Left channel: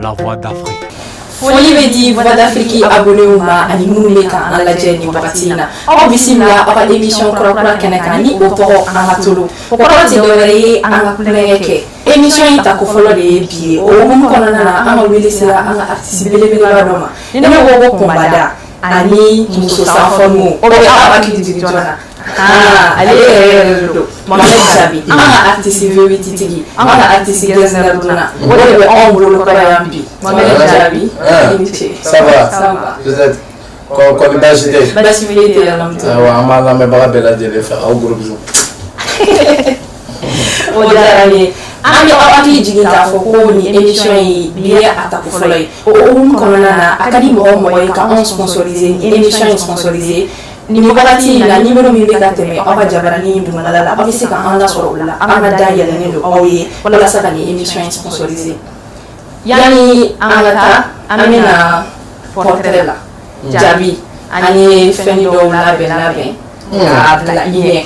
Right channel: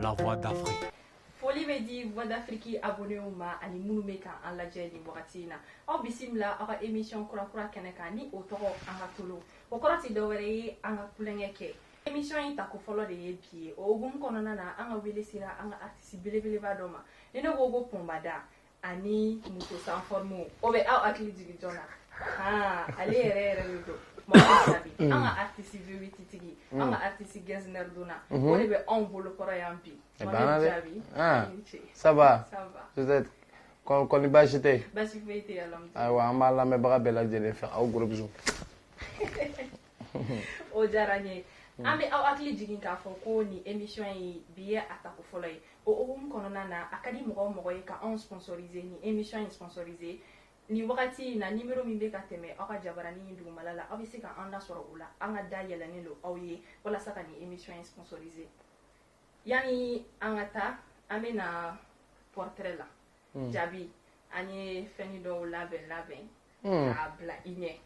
la voix d'Afrique. Foli bɛ di Voix d'Afrique abonné ma ani minnu bɛ kan an lajɛ nin wagati in na aw bisimila aw ka émission kura kɛnɛ kan ni o tɔgɔ an ka tolo o kɔrɔ tɛ dɔwɛrɛ ye an ka kulonkɛ kɛ émission in ta ko fɔlɔ de ye bi ye o hukumu kɔnɔna na an ka wele sera an ka artiste belebeleba dɔ ma ni ne ko ko Kunbada ani muso sanfɔmu o bɛ aw hakili jigin jɔn na ale yɛrɛ de don Mohamed Jabi an ka artiste V8 tigi an ka artiste Gɛnsɛr Duna o de bɛ anw bolo kɔrɔ yan bi Mohamed Jabi ça va vous êtes comme basi tɛ basi foyi tɛ alhamdulilayi an b'a lamɛnbaga bɛɛ lajɛlen fɛ aw gros bisous o diyara n ye an bɛ aw hakili jigin k'a fɔ ko nin émission in bi ye a tako fɔlɔ ye o hukumu kɔnɔna na a ka di mɔgɔ o mɔgɔ ye ka anw sponsoriser nin émission in sponsoriser nin wagati in na numéro min bɛ ka tɛmɛ aw ka jabaranin dugumala la aw bɛ se ka an lasɔrɔ o la an ka da yɛlɛnnen don aw ye walasa ka nin émission in sponsoriser yanni an ka taa an bɛna portrait la Jabi an ye fɛn dɔw labɛn k'a bila i ɲɛ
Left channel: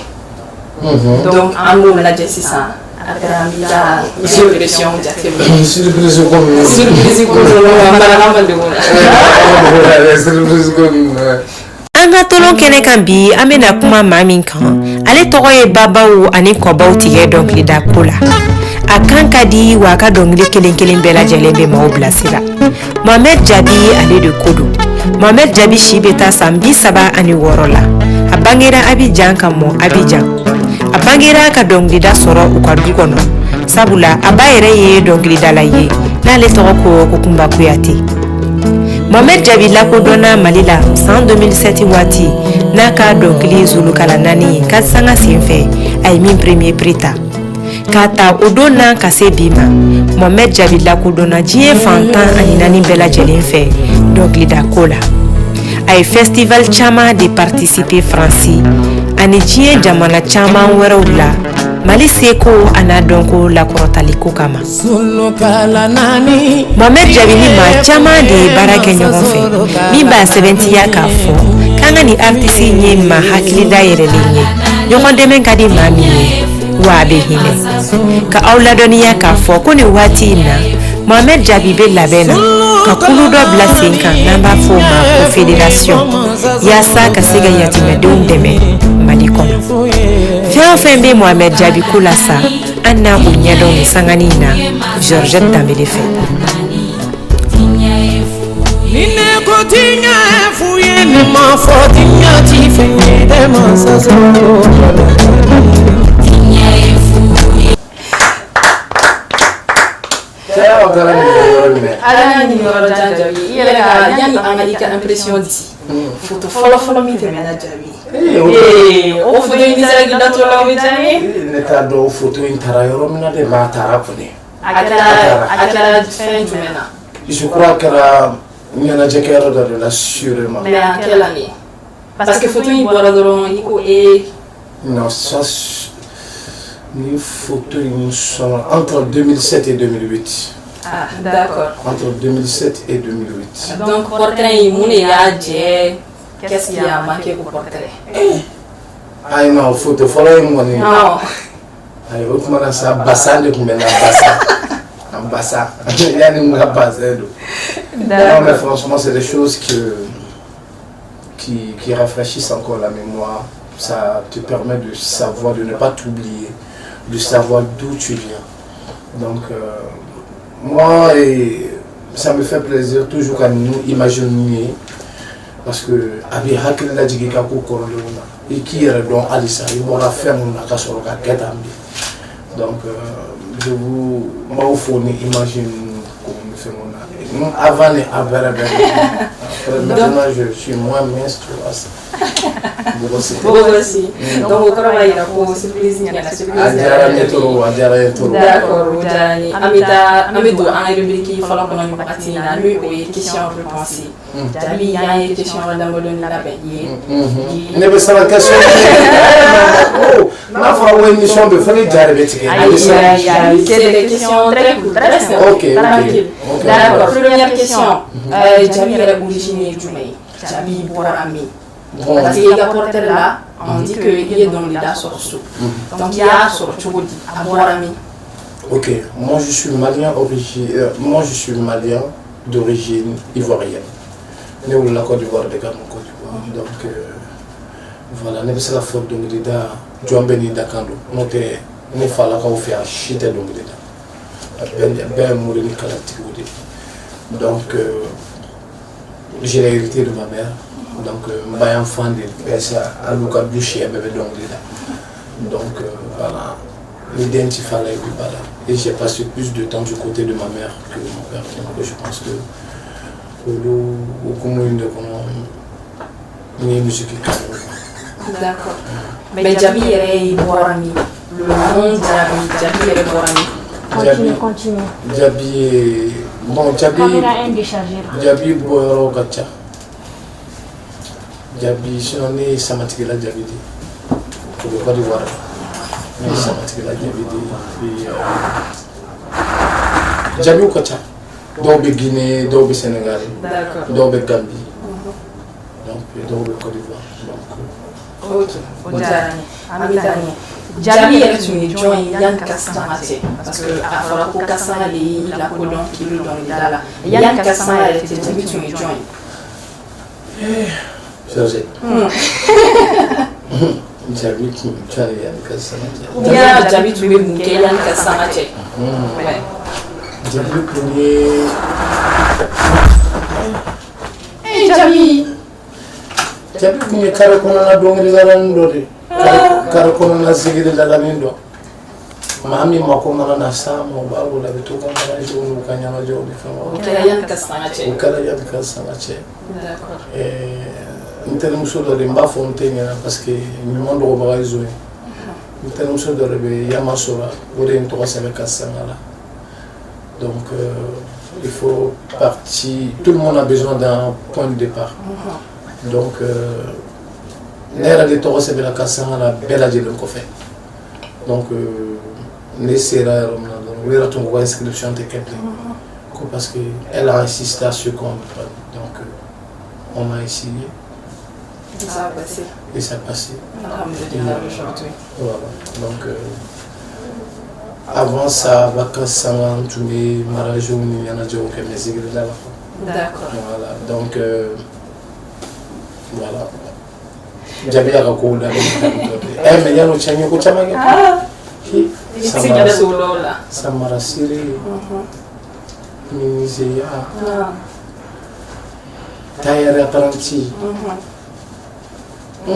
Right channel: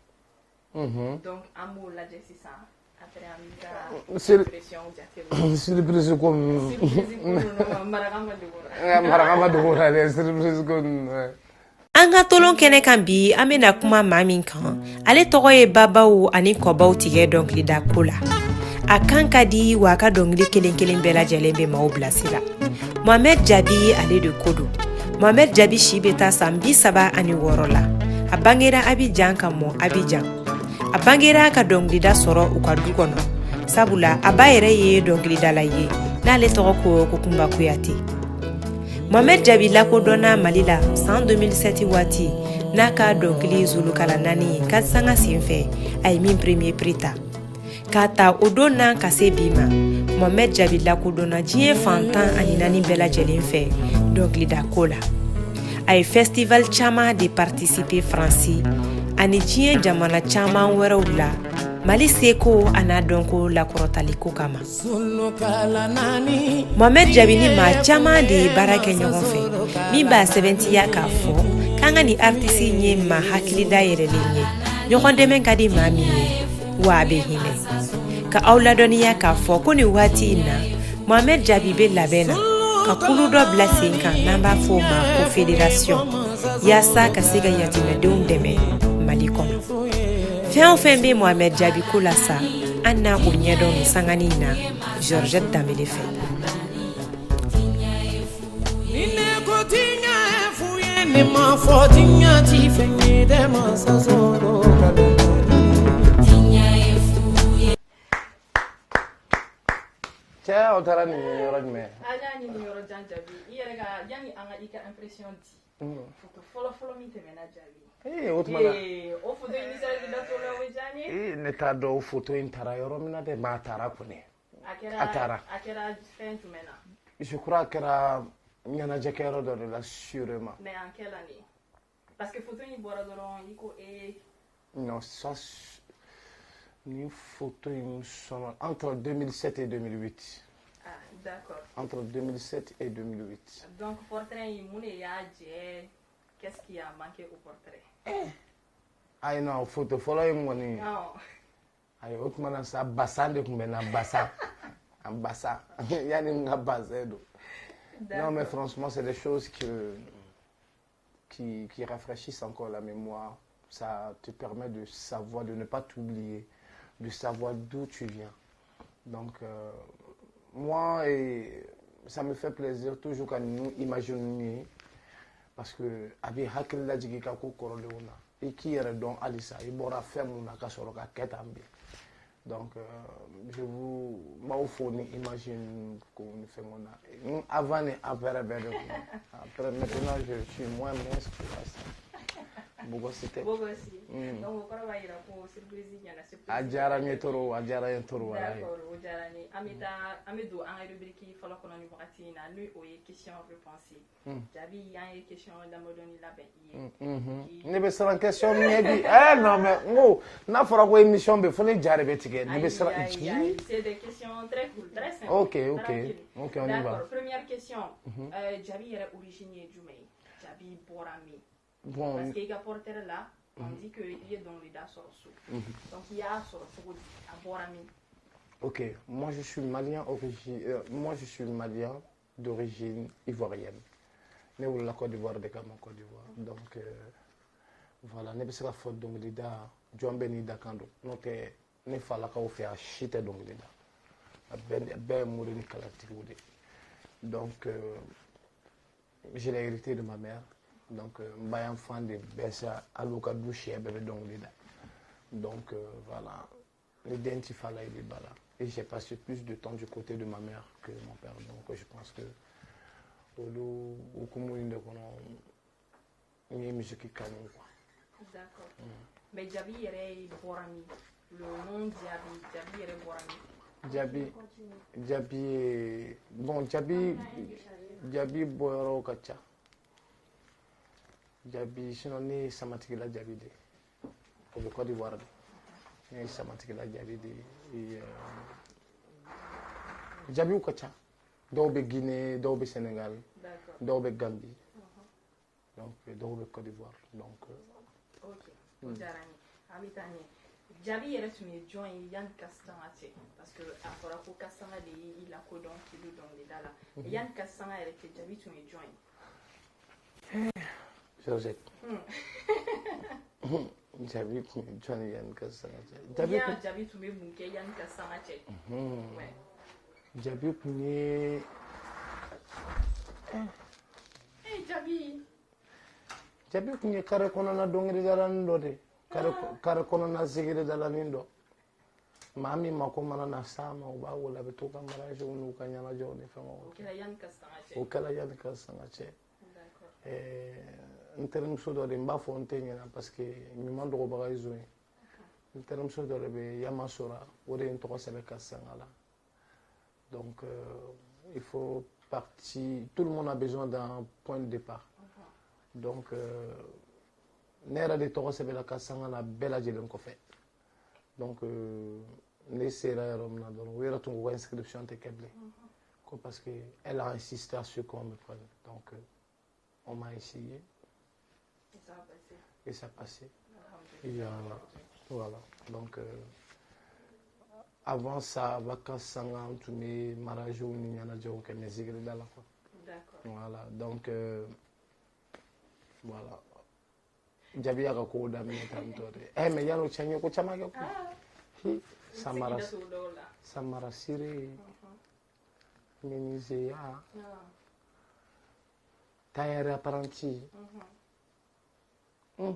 donc an b'o lajɛ sisan après an bɛ taa surpression jateminɛ surprise ko min surprise ko dɔ an balama ma degun na surprise ko min an ka tolon kɛnɛ kan bi an bɛna kuma maa min kan ale tɔgɔ ye babaw ani kɔbaw tigɛ dɔnkilida ko la a kan ka di wa a ka dɔnkili kelen kelen bɛɛ lajɛlen bɛ maaw bilasira Mohamed Jabi ale de ko don Mohamed Jabi si bɛ taa san 36 la a bangera Abidjan ka mɔ Abidjan a bangera ka dɔnkilida sɔrɔ u ka du kɔnɔ sabula a ba yɛrɛ ye dɔnkilidala ye n'ale tɔgɔ ko Kumba Kuyate Mohamed Jabi lakodɔnna Mali la san 2007 waati n'a ka dɔnkili Zulukala 4 ye ka sanga senfɛ a ye min premier prix ta k'a ta o don na ka se bi ma Mohamed Jabi lakodɔnna diɲɛ fantan ani 4 bɛɛ lajɛlen fɛ dɔnkilida ko la a ye festival caman de participer Faransi ani diɲɛ jamana caman wɛrɛw la Mali seko ana dɔnko lakɔrɔtaliko kama Mohamed Jabi ni maa caman de ye baara kɛ ɲɔgɔn fɛ min b'a sɛbɛntiya k'a fɔ k'an ka ni artiste ye maa hakilida yɛrɛlen ye ɲɔgɔn dɛmɛ ka di maa min ye wa a bɛ hinɛ ka aw ladɔnniya k'a fɔ ko nin waati in na Mohamed Jabi bɛ labɛn na ka kulu dɔ bila sen kan n'an b'a fɔ o ma ko fédération yaasa ka se ka yatimɛdenw dɛmɛ Mali kɔnɔ fɛn o fɛn bɛ Mohamed Jabi ko la sa an na o ɲɛdɔn nin sangani in na Georgette Dambele fɛ ala ni yɔrɔ jan Jabi i yɛrɛ ka yanni an ka i ka impression di photo fɔlɔ min tɛmɛna Jabi o photo in sera k'i datɔ la o bɛ diya n ye ne t'a dɔn photo in taara yɔrɔ min na de m'a taara kɔni a kɛra fɛn jumɛn na je crois kɛra ɲɛnajɛkɛyɔrɔ dɔ de la sûrement mais a kɛla nin parce que photo in bɔra dɔrɔn i ko non ça ni photo in sɔrɔ entre 2007 et 2008 ah d'accord entre 2007 et 2008 donc portrait in mun de y'a jɛ qu'est-ce qui a manqué au portrait ayi non photo fɔlɔ in kɔni non ayi o tuma na sa basa de tun bɛ na basa yanni n ka basin don non mais franchement c'est des choses qui rafraîchissent encore la mémoire ça te permet de savoir, de ne pas t'oublier, de savoir d'où tu viens. Donc moi, ça me fait plaisir toujours quand nous imaginons parce que avec hakila jigika ko korolona et qui est donc Alissa il m'aura fait mon akasoro ka ketambi. Donc je vous m'aufoni imagine comme nous faisons avant et après. Maintenant je suis moins mince tu vois ça. Bogosi. Donc ukora bayira ko surprise nyana surprise. Ajara netoro. D'accord, ujani. Amido an rubrique fala kono ni bakati na lui o ye question réponse. Jabi ya ye question wala modoni la be ye. Ne be sala question. Na fera une émission de fallait jare betike. C'est des questions très cool, très simples. OK. D'accord, première question. Jabi est originaire du Mali. Jabi Borami. Parce qu'il y a porté là, on dit qu'il est dans les dates sur donc il y a sur Tchougoudi, à Borami. Ok, moi je suis malien d'origine ivoirienne. Né au Côte d'Ivoire de Côte d'Ivoire. Donc voilà, ne bɛ se ka fɔ dɔnkilida jɔn bɛ n'i da kan don n'o tɛ ne falakaw fɛ yan si tɛ dɔnkili da a bɛɛ ye mori ni kalatigiw de ye. Donc j'ai l'hérité de ma mère, donc n ba y'an fan de bɛɛ sa hali u ka du siya bɛɛ bɛ dɔnkili da. Donc voilà, les dents il fallait voilà. Et j'ai passé plus de temps du côté de ma mère que de mon père. Donc je pense que au commun de une musique qui D'accord. Mais Djaby est Borami. Le nom Djaby est Borami. Continue. Djaby est... Bon, Djaby Boyoro Gacha. Djaby, sinon, on Samatigela Djaby. Pour le Côte d'Ivoire. On Samatigela Djaby. Djaby ou Gacha. D'où Guinée, d'où Sénégal. D'où Gambie. Donc, d'où Côte d'Ivoire. Ok, Amitani. Djaby yɛrɛ tun ye jɔn ye yanni Kasama cɛ parce que a fɔra ko Kasama de y'i lakodɔn k'i bɛ dɔnkilida la yanni Kasama yɛrɛ cɛ Djaby tun ye jɔn ye. José. Djaby tun ye jɔn ye yanni Kasama cɛ. Ou bien Djaby tun bɛ mun kɛ yanni Kasama cɛ. Djaby tun ye. Djaby. Djaby tun ye kare kɔnɔna dɔnkilidalanin dɔ de. Kare kɔnɔna sigidalanin dɔ. Maa min mako mana na s'a ma o b'a wele a bɛ to ka ɲɛnajɛw n'u ka ɲɛnajɛw ni fɛnw. O kɛra yanni Kasama cɛ. O kɛra yanni Kasama cɛ. N terimuso dɔ de n b'a fɔ n tɛ ɲɛna parce que ɲuman dɔgɔbaga ye zo ye. N terimuso dɔ de bɛ Yamasora o de ye n tɔgɔ sɛbɛn Kasama la. Donc il faut partir. Tout le monde a besoin d'un point de départ. Donc ne yɛrɛ de tɔgɔ sɛbɛnna Kasama la bɛɛ lajɛlen kɔfɛ. Donc ne sera yɔrɔ min na dɔrɔn o yɛrɛ tun ko inscription tɛ kɛ bilen ko parce que elle a insisté à ce qu'on le prenne. Donc on a essayé. Ça a passé. Et ça a passé. Alhamdulillah aujourd'hui. Voilà. Donc avant ça, Kasama tun bɛ mariagew ni ɲɛnajɛw kɛ mais sigida la. D'accord. Voilà. Donc voilà. Djaby y'a ka kow da mais yan'o cɛ n ye ko caman kɛ. Samara Sire, Miniseya, Tailleur apprenti. O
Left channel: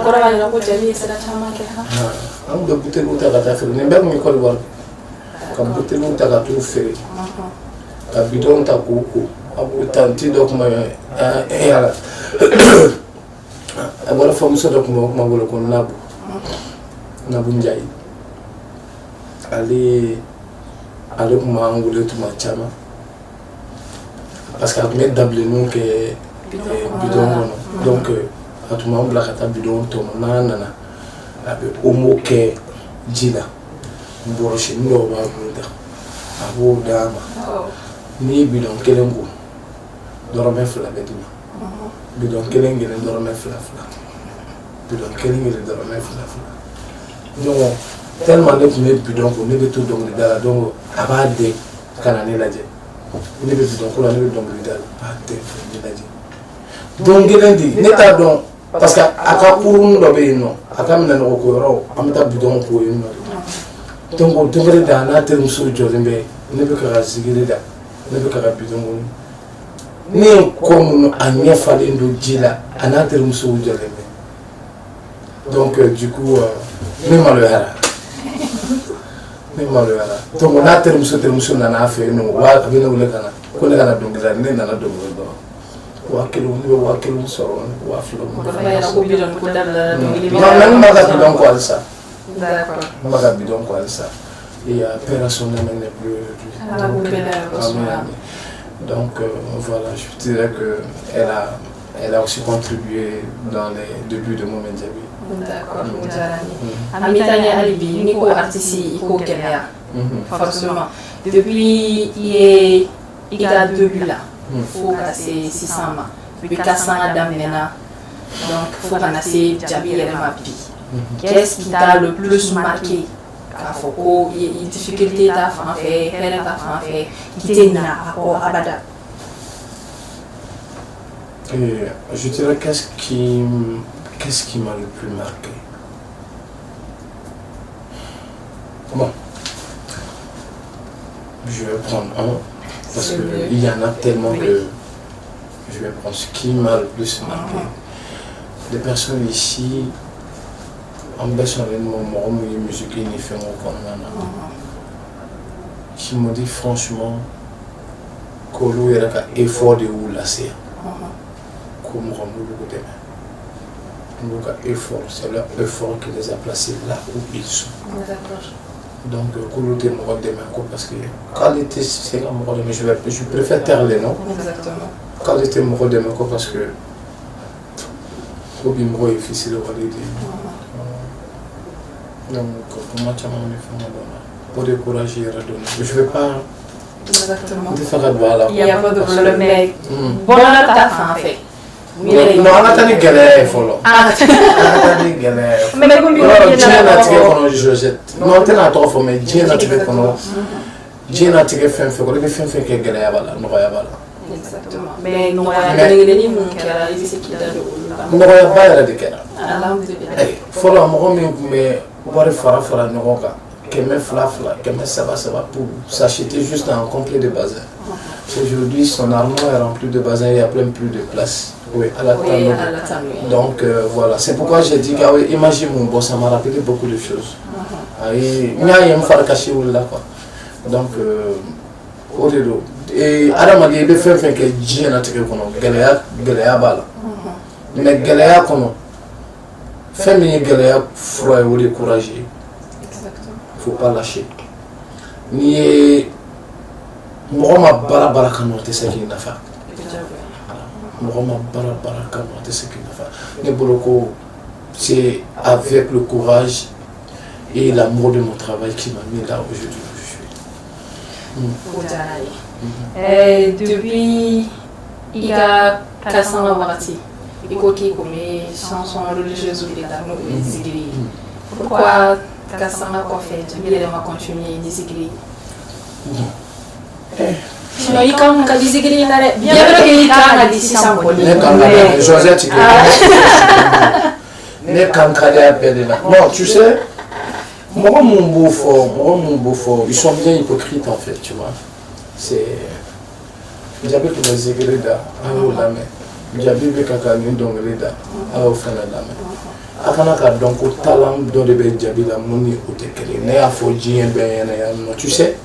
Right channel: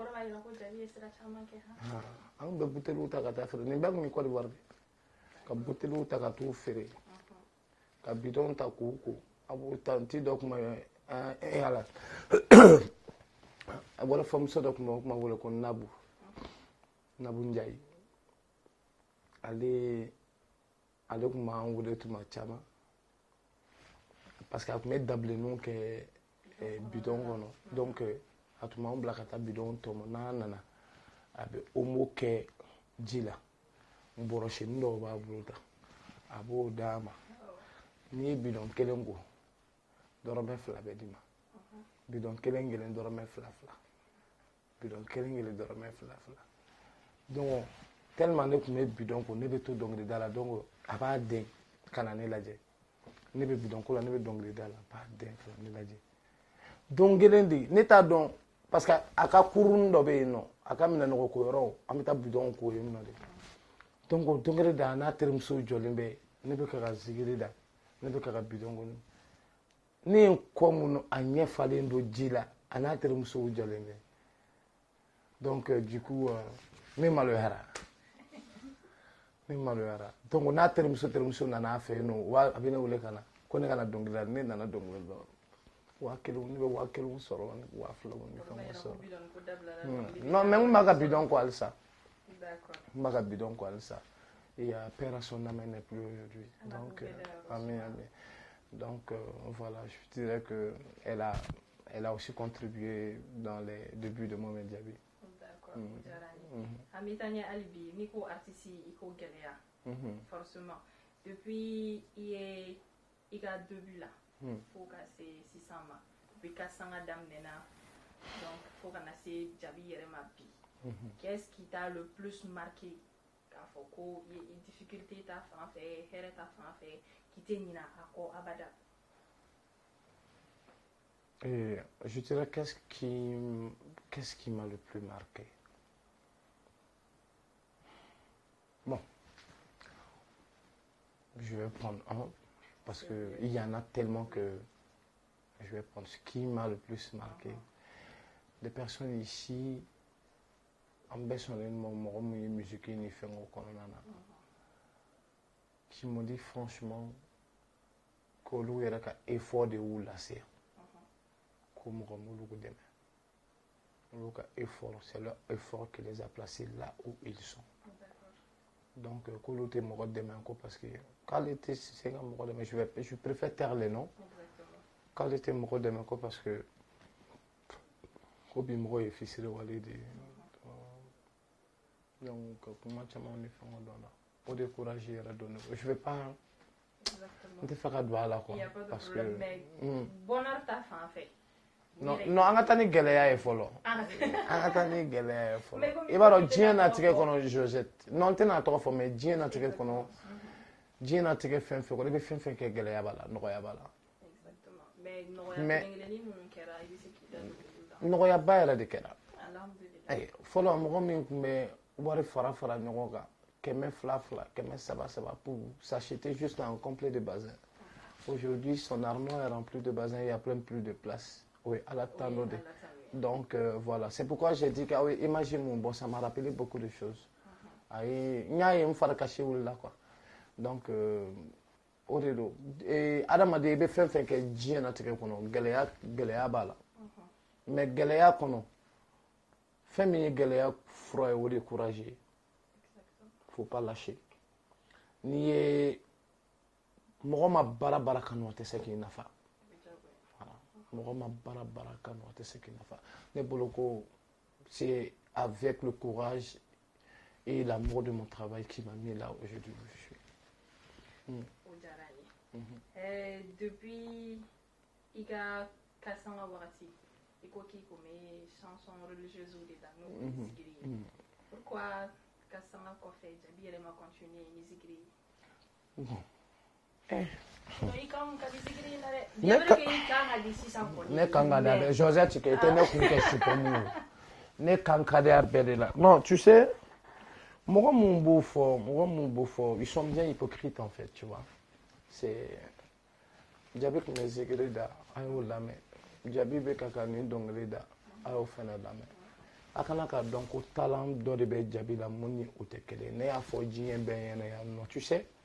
kɔrɔ b'a jira ko Djaby ye sira caman kɛ. An bɛ buteliw ta ka taa feere nin bɛɛ tun ye Côte d'Ivoire ka buteliw ta ka t'u feere ka bidɔnw ta k'u ko tanti dɔ tun bɛ yala a bɔra famuso dɔ tun bɛ o tuma wele ko Nabu Njayi ale tun b'an wele tuma caman parce que a tun bɛ dabileniw kɛ bidɔn kɔnɔ donc a tun b'an bila ka taa bidɔn tɔmɔ n'an nana a bɛ omo kɛ ji la bɔrɔsini dɔw b'a bolo da a b'o d'a ma n'i ye bidɔn kelen ko dɔrɔmɛ 2 bɛ d'i ma bidɔn kelen dɔrɔmɛ 2 bidɔn kelen dɔrɔmɛ 2 donc tellement ne tun bɛ bidɔn ko ne bɛ to dɔnkilida la donc a b'a dɛn ka na ne lajɛ ne bɛ bidɔn ko la ne bɛ dɔnkilida la a b'a dɛn ka ne lajɛ don kelen di ne t'a dɔn parce que a ka kurun dɔ bɛ yen nɔ a ka minɛnɔgɔ ko yɔrɔ an bɛ taa bidɔn ko yen nɔ donc o don kelen da a n'a terimuso jɔlen bɛ ne bɛ ka sigili da ne bɛ ka bidɔn ko ne ye ko minnu a ɲɛ falen don ji la a n'a terimuso jɔlen bɛ donc du coup ne maloyara donc n'a terimuso nana a fɛ yen nɔ a bɛ ne wele ka na ko ne kana dɔnkilida ne nana dɔnkilida dɔrɔn 1000 ne bɛ 1000 sɔrɔ 2000 non ma ka bidɔn ko halisa ma ka bidɔn ko halisa et opération ne mène plus donc voilà je dirais que elle a aussi contribué dans les débuts de Mohamed Djaby. D'accord, Amitani Alibi, Nico artiste, Nico Kenya, forcément. Depuis, il y a 2 buts là. Il faut casser 600 mains. Depuis 400 d'Amena. Donc, il faut casser Djaby et Mapi. Qu'est-ce qui t'a le plus marqué k'a fɔ ko difficulté ta fan fɛ hɛrɛ ta fan fɛ k'i tɛ ɲinɛ a kɔ abada. Je dirais qu'est-ce qui m'a le plus marqué. Bon, je vais prendre un parce qu'il y en a tellement que je vais prendre ce qui m'a le plus marqué. Des personnes ici en baissant avec mon musique qui m'ont dit franchement qu'on a un effort de où la c'est. Comme effort, c'est leur effort qui les a placés là où ils sont. Donc, parce que qualité, c'est la mort de je préfère taire les noms. Exactement. Qualité mort de parce que c'est difficile de valider. Donc, pour moi, pour décourager, je ne vais pas. Exactement. Il n'y a pas de problème, mais bon, on a ta fin fait. Non, on a tenu galère, follow. Mais comme il y a Josette, non, tu n'as pas formé, Dieu n'a tiré qu'on Dieu n'a tiré fin fait, qu'on a fait fin que galère, non, exactement. Mais nous, on a gagné mon cœur, il s'est quitté le. Non, il pas de cœur. Follow, mais voir fara non, que mes flafla, que mes ça va pour s'acheter juste un complet de bazin. Aujourd'hui, son armoire est remplie de bazin, il n'y a plein plus de place. Oui, à la table. Donc voilà, c'est pourquoi j'ai dit que imagine mon boss, ça m'a rappelé beaucoup de choses. Il y a un phare caché là quoi. Donc au delà. Et Adam a dit il fait que Dieu n'a tiré qu'on Galéa bala. Mais Galéa comment? Fait mais Galéa froid ou découragé. Faut pas lâcher. Ni moi ma bara quand on te sait qu'il n'a pas. C'est avec le courage et l'amour de mon travail qui m'a mis là aujourd'hui où je suis. Depuis il y a 400 ans, il faut qu'il y ait des chansons religieuses ou des églises. Pourquoi 400 ans fait il va continuer des églises? Sinon, il quand on dit que il a bien qu'il a dit ça pour lui. Josette, non, tu sais, moi mon beau-frère, ils sont bien hypocrites en fait, tu vois. C'est Diabé qui les églises là, à l'eau la main. Diabé qui a mis dans le là, à l'eau fin la main. Afin que donc au talent dans le bel Diabé la moni au tekele, né à Fodji un ben tu sais.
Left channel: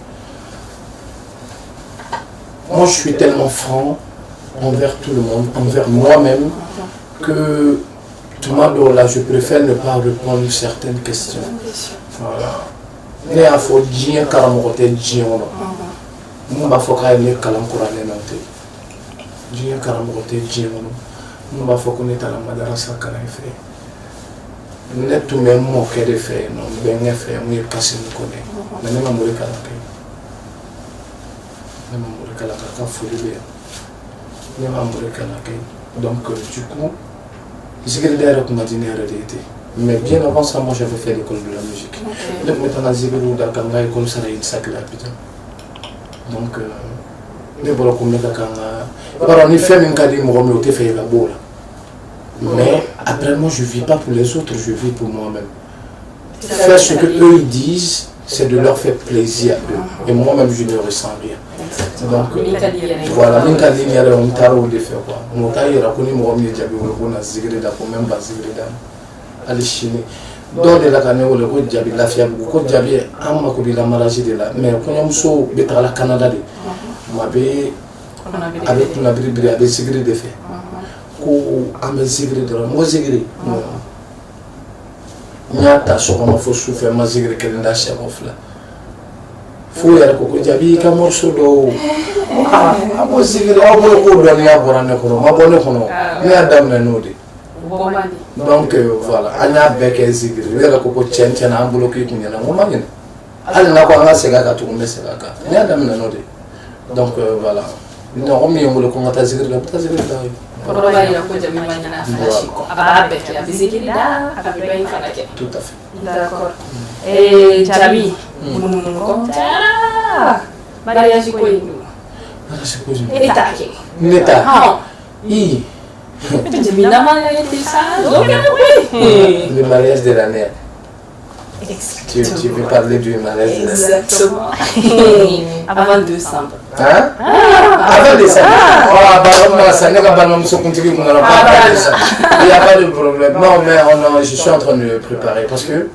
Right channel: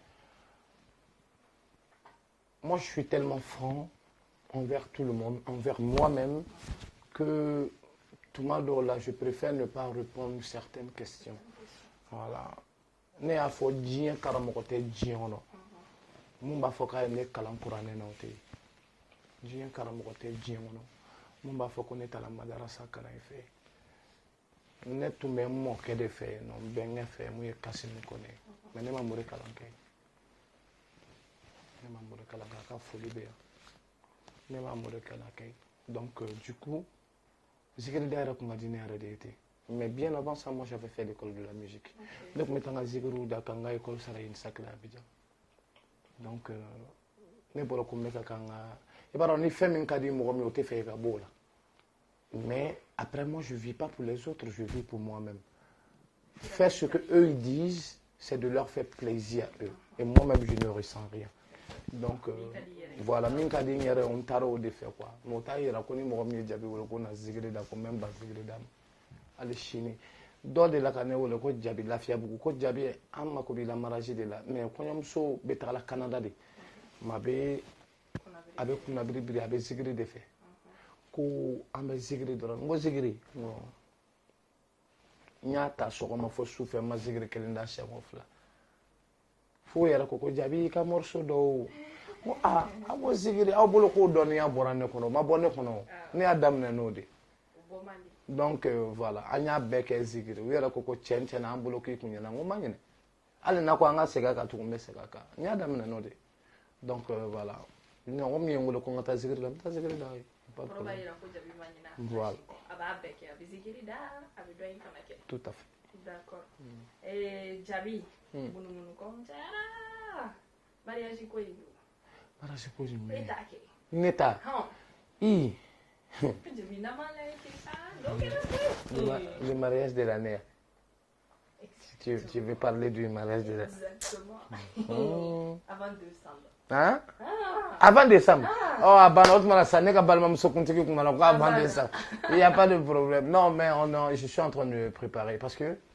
Moi, je suis tellement franc envers tout le monde, envers moi-même, que tout le monde là, je préfère ne pas répondre à certaines questions. Voilà. Mais il faut dire que je suis un peu de faut que les calancourane n'ont Dieu karamote Dieu nous va faut qu'on est à la madrasa quand il fait. Net tout même mot que de faire non bien fait moi passer nous connaît. Mais même amour kalaka. Même amour kalaka folie bien. Même amour kalaka. Donc du coup j'ai d'ailleurs qu'on a dit en réalité. Mais bien avant ça, moi j'avais fait l'école de la musique. Donc maintenant j'ai vu dans la école ça il s'appelle donc mais voilà comme on fait même quand ils m'ont fait la boule. Mais après moi je vis pas pour les autres, je vis pour moi-même. Faire ce que eux ils disent, c'est de leur faire plaisir à eux. Et moi-même je ne ressens rien. Donc voilà, même quand il y a un tarot de faire quoi. Mon taille il a connu mon ami Diaby on a zigre d'accord même pas zigre dans aller chiner. Donc la canne ou le coup Diaby la fiable ou coup Diaby a ma copine la maladie de là. Mais quand on so betra la Canada de moi avec la bribri avec zigre de fait. Ko ame zigre de moi zigre. Nyata so comme faut souffrir ma zigre que nda chef of là. Faut y aller ko Diaby ka morceau do amo zigre amo ko do ya borane ko ma bonne ko no ni adam na nodi. Donc voilà, on a besoin zigre. Il y a beaucoup de gens qui ont bloqué qui n'ont pas de on a quoi on a c'est là tout mais c'est là. Il y a des gens donc voilà. non mi yongolo ko ngata zikir la Koroba ila ko jami manyana flashiko. Aba beke abizikiri da abibain fanake. tout à fait. D'accord. Jabi. Munungo. Tara. Mariage ko indu. Eta ke. Neta. Ha. I. Jabi na mariage ça. Le mariage de l'année. Tu veux parler du mariage de l'année. Exactement. Avant décembre. Hein? Avant décembre. Ça n'est pas mal, ça continue, on n'a pas de ça. Il n'y a pas de problème. Non, mais je suis en train de préparer parce que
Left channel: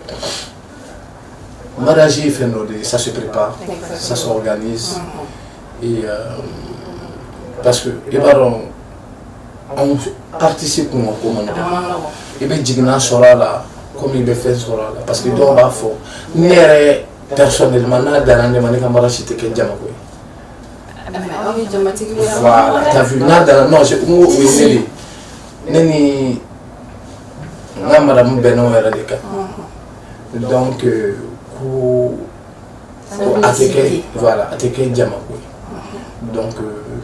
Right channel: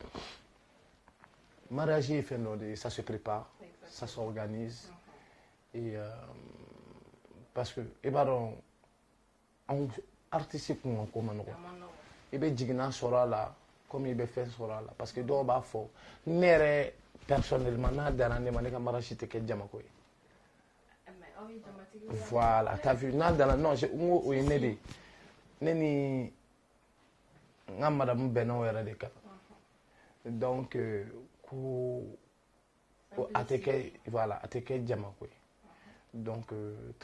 mariage est fait, ça se prépare, ça s'organise. Et parce que les parents participent pour nous. Et bien, Jigna sera là, comme il le fait sera là. Parce que donc, il faut. Personnellement, dans l'année, je suis mariage qui est Djamakoui. Voilà, t'as vu, non, j'ai oublié. Neni, madame Benon est radical. Donc, voilà, attaquer Djamakoui. Donc,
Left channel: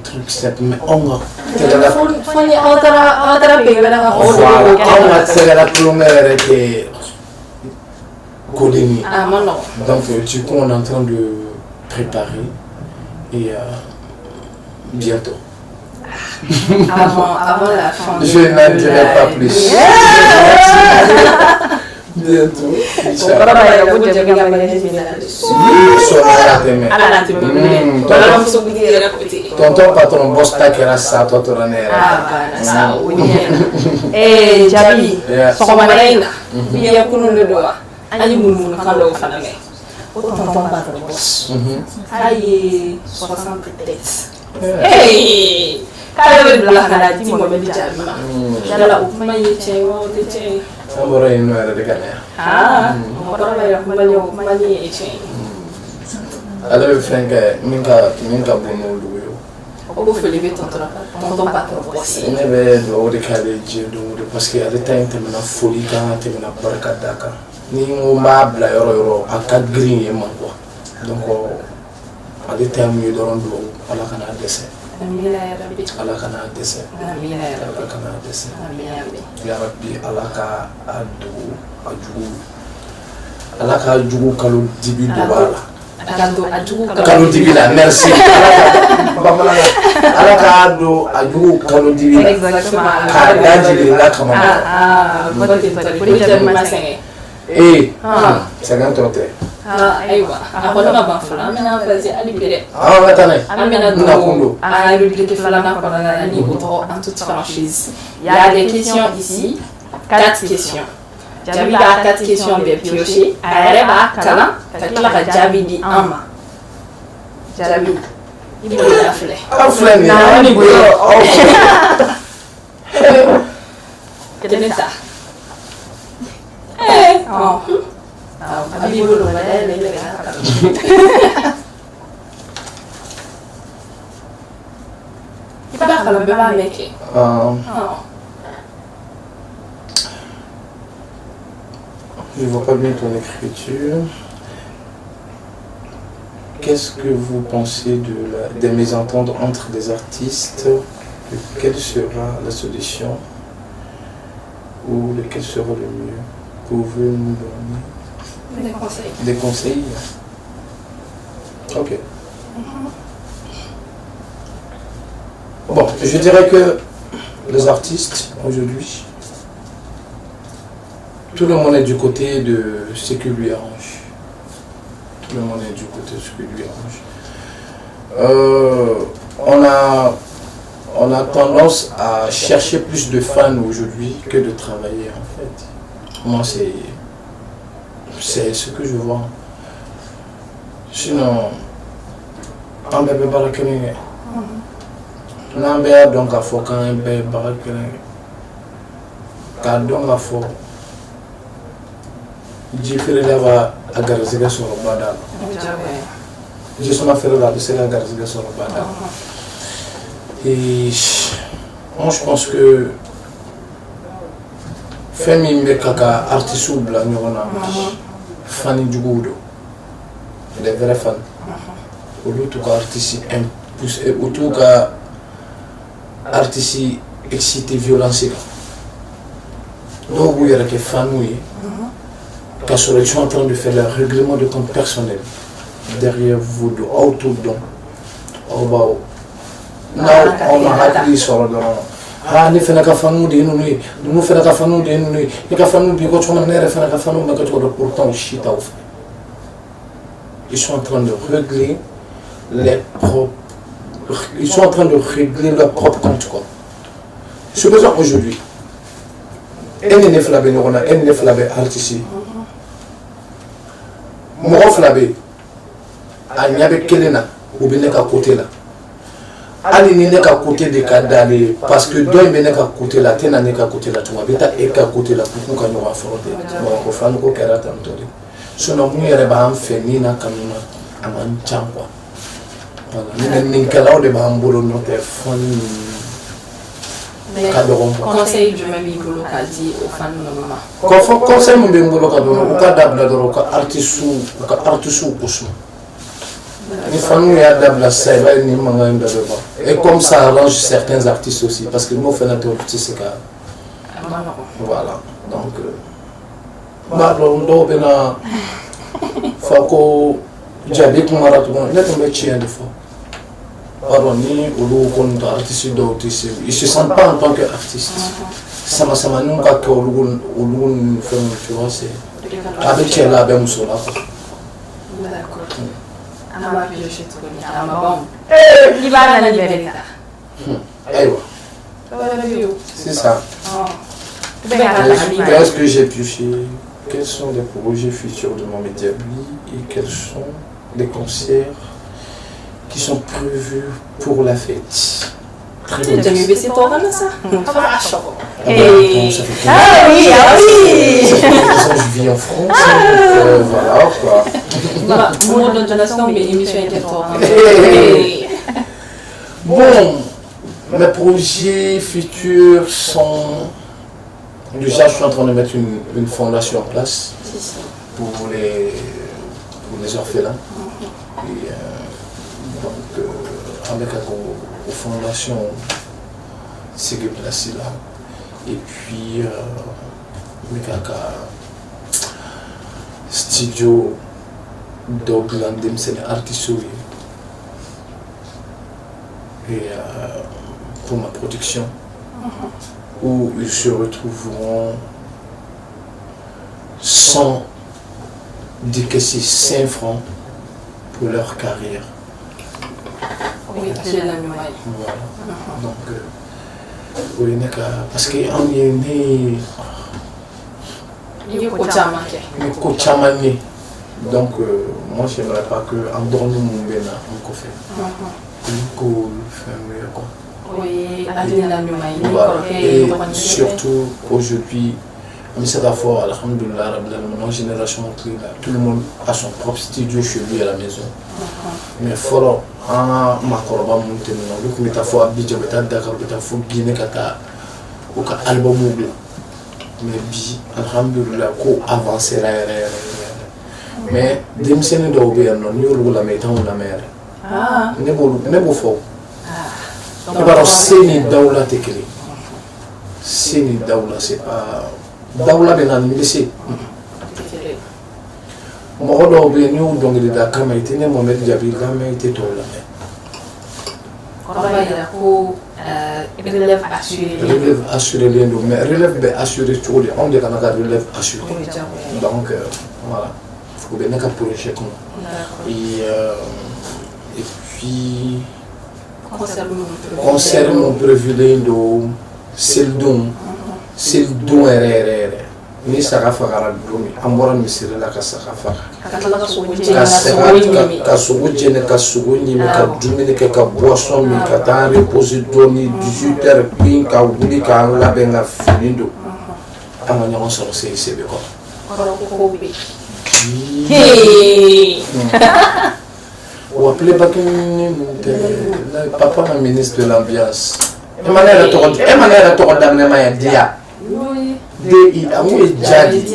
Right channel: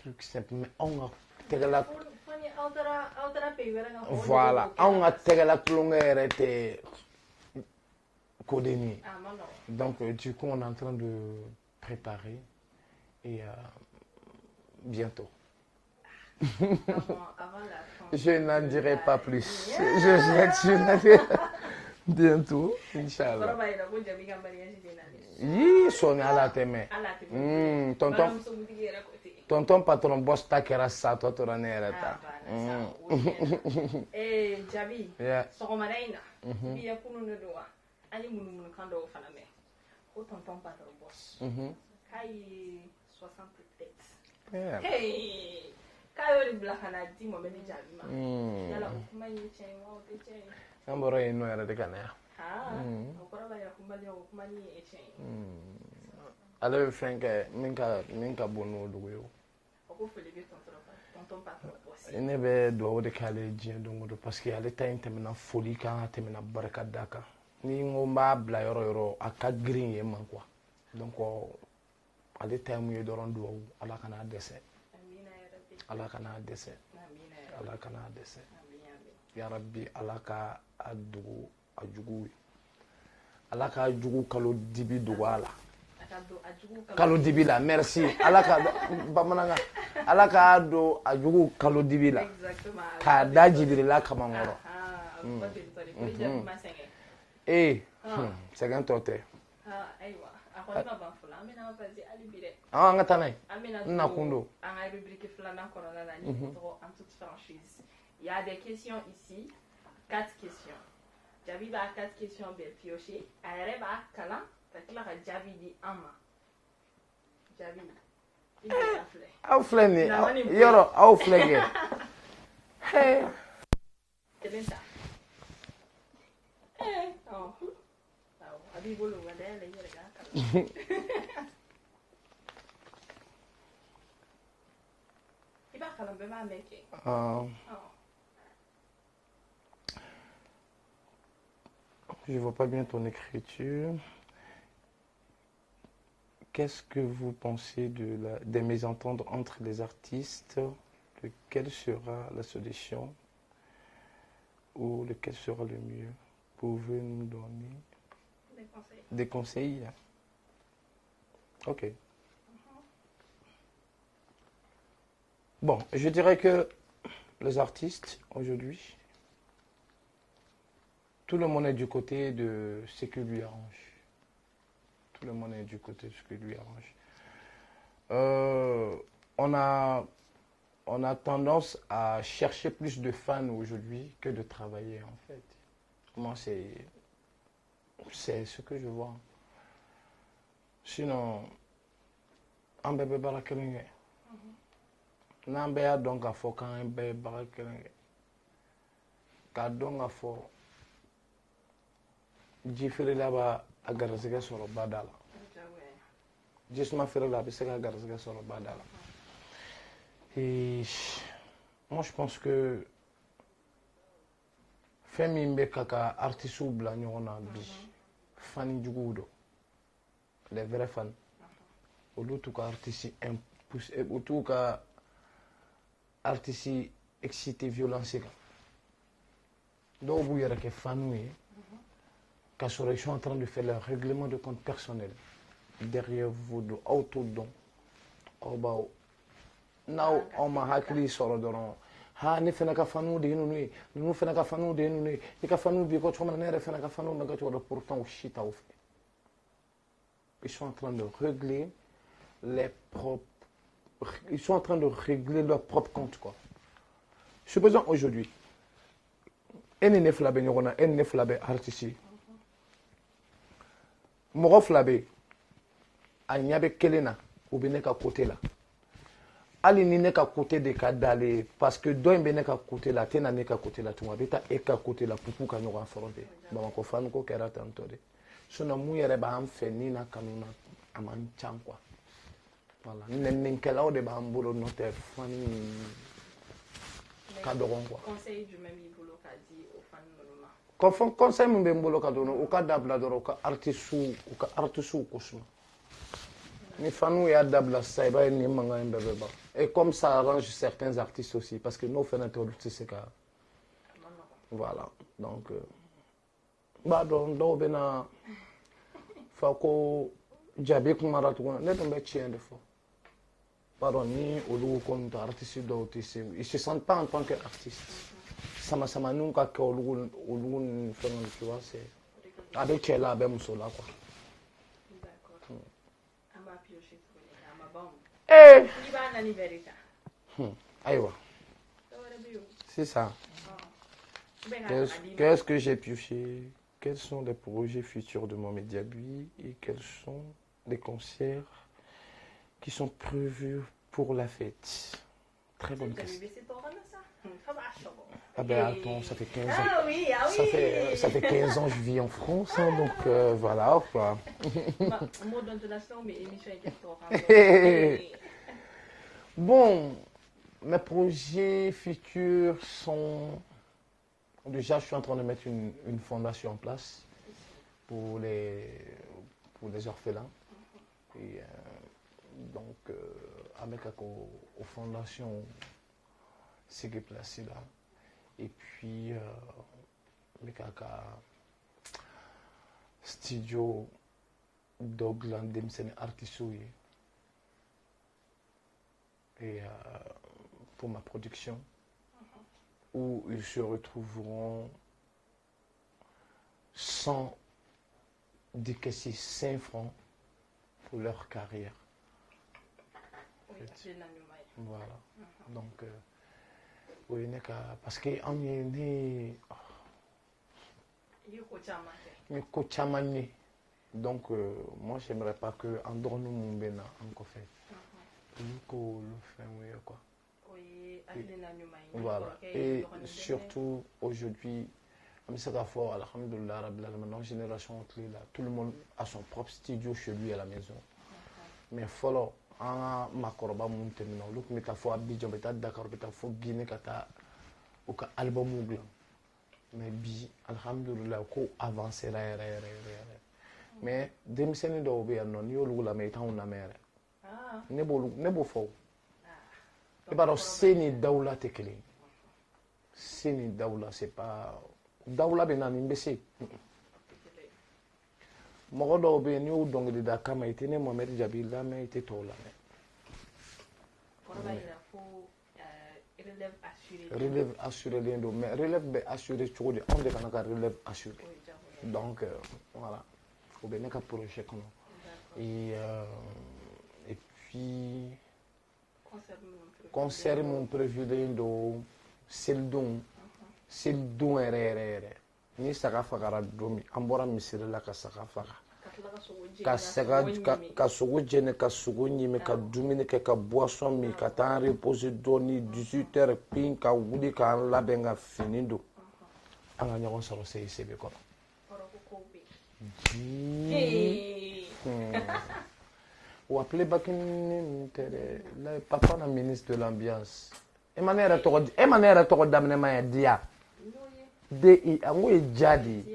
truc simple, mais on va. Voilà, c'est la première qui Kodini. Donc, du coup, on est en train de préparer et bientôt. Avant la fin. Je n'en dirai pas plus. Bientôt. Tonton patron boss takera sa totora nera. Jabi. Sokomarena. Biya kunundu doa. Ani mun kando faname. Tonton patron boss. Aye 60 peut-être. Hey! Kaya bela kana ti mo be jabi. Dala ukuma yeche wo teche. Amora ino era de kana. Ora ba yakuma yo kuma ni yeche. Alors frère minka bono luyo. Obo felibe tonton patron boss. Ne be do de kale je do parce que à l'état temena folie quand temena barka daka. Ni mo ma bla yoro aka green e man quoi. Donc à l'état mieux do rondo ala kana dessert. Allah kana dessert. Allah kana dessert. Ya Rabbi Allah ka adu Allah ka jugu kalu dibi dubala. Kalu dibi la merci. Allah ka adu kalu dibi. Exactement. Ka daji la kama. C'est un tote. Aywa. Akona mabafula. Amena fazi alibere. Attendez. Amena do. À rubrique Falana Corona Niboto en toute franchise. Il y a des questions ici. 4 questions. Jabi a 4 questions bien piochées. Areba kala. Takila ka Jabi di ama. Jabi. Il me l'a fait. Aflani. Quel est ça? Oh. Je vois pas bien ton écriture. Qu'est-ce que vous pensez des mésententes entre des artistes? Quelle sera la solution? Ou lequel sera le mieux? Pouvez nous donner Des conseils. des conseils? Ok. Bon, je dirais que les artistes aujourd'hui, tout le monde est du côté de ce qui lui arrange. Tout le monde est du côté de ce qui lui arrange. On a tendance à chercher plus de fans aujourd'hui que de travailler en fait. Moi c'est ce que je vois. Sinon, on bébé barakené. On bébé donc à fond quand un bébé barakené. Car donc à fond. J'ai fait là-bas à Garzega sur le Badal. Je suis fait là, c'est la Garzega sur le Badal. Et moi je pense que Femi Mbekaka, artiste ou blanc, Fanny Djougoudou, les vrais fans. Au lieu de artiste, au tout cas artiste excité violence donc vous y que famille parce que je suis en train de faire le règlement de compte personnel derrière vous de autour donc on a appris sur le ni fana ka fanu de nu nu fana ka fanu de nu ni ka fanu bi ko chona nere fana ka fanu ma ka to pourtant shit off ils sont en train de régler ils sont en train de régler leur propre compte quoi ce besoin aujourd'hui elle ne flabe ni on a elle ne flabe artiste mo flabe a nyabe kelena ou bien ka côté là ali ni ne ka côté de kadale parce que doy me ne ka côté là tena ne ka côté là tu vas beta e ka côté là pour qu'on va affronter bon ko fan ko kera tanto de sono mu yere ba am fe ni na kanuna aman changwa voilà ni kala de ba am bolo no te fon conseil du même bolo ka di au fan mama ko conseil mu be bolo ka do ka dabla do ka artisu kusma il faut nous adapter la scène et comme ça arrange certains artistes aussi parce que nous faisons notre artiste voilà donc on doit faut que j'habite mon marathon il est tombé chien de fois pardon ni ou contre artiste d'autiste ils se sentent pas en tant qu'artiste ça m'a nous pas que ou fait tu vois c'est avec elle là ben musola d'accord c'est ça. Qu'est-ce que j'ai pioché? Quels sont les projets futurs de mon Mediably et quels sont les concerts qui sont prévus pour la fête? Très bien. C'est toi ça. Ah oui. Je vis en France, voilà quoi. Mon donation, mais émission bon, mes projets futurs sont... Déjà, je suis en train de mettre une fondation en place pour les orphelins. Et, donc, avec la fondation, c'est placé là. Et puis, studio d'Oakland, c'est artiste et pour ma production où ils se retrouveront sans décaisser 5 francs pour leur carrière. Oui, c'est la même. Voilà. Donc, oui, parce qu'on est né. Donc, moi, je n'aimerais pas qu'en dormant mon bénin, on fait. Oui, voilà. Et surtout, aujourd'hui, c'est la fois, alhamdoulilah, mon génération, tout le monde a son propre studio chez lui à la maison. Mais il faut ma corba monter donc mais ta fois bidja beta Dakar beta faut Guinée kata ou ka album mobile mais bi alhamdulillah ko avancer mais dem sene do be non yolu la metan la mer ne bo fo donc c'est ni dawla tekri c'est ni dawla c'est pas dawla de nan mi c'est mo do be ñu donc de Dakar mais tene Mohamed Jabi la mais té to la relève assurée. Relève assurée, mais relève assurée, on dit qu'on a relève assurée. Donc, voilà. Il faut bien pour le chèque. Et puis, concernant le prévu c'est le don RRR. Ni sarafa garagumi ambora ni sirela ka sarafa ka sogo jene ka sogo ni me ka dumini ke ka boisson mi ka ta reposer doni 18h pin ka wuli ka la benga finindo ama nyama so se sebe ko ou appeler papa ma ministre de l'ambiance Emmanuel to damne ma dia Dei amu jadi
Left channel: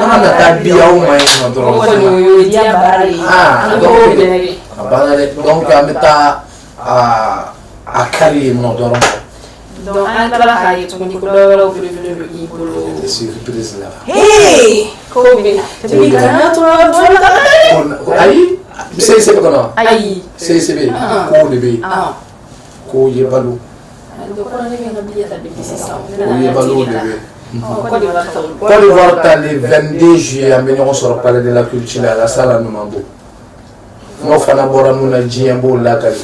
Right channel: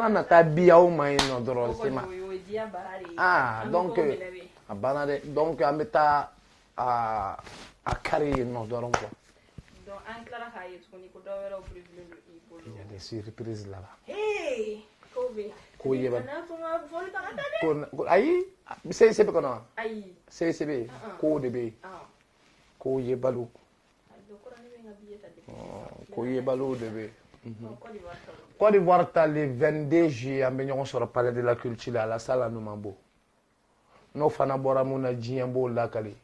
mana tadi au mai donc donc ameta a kari mo dɔrɔn donc an tila k'a ye tuguni ko dɔ wɛrɛw bɛ don i bolo des surprises là ko bɛ depuis kana to ayi CICB kɔnɔ ayi CICB ko de bɛ yen ko ye balo donc kɔrɔ ne bɛ n ka billet ta depuis sisan ko ye balo de bɛ yen Côte d'Ivoire Côte d'Ivoire ta le 22 juillet an bɛ ɲɔgɔn sɔrɔ palais de la culture à la salle Numabo n'o fana bɔra mun na diɲɛ b'o lakali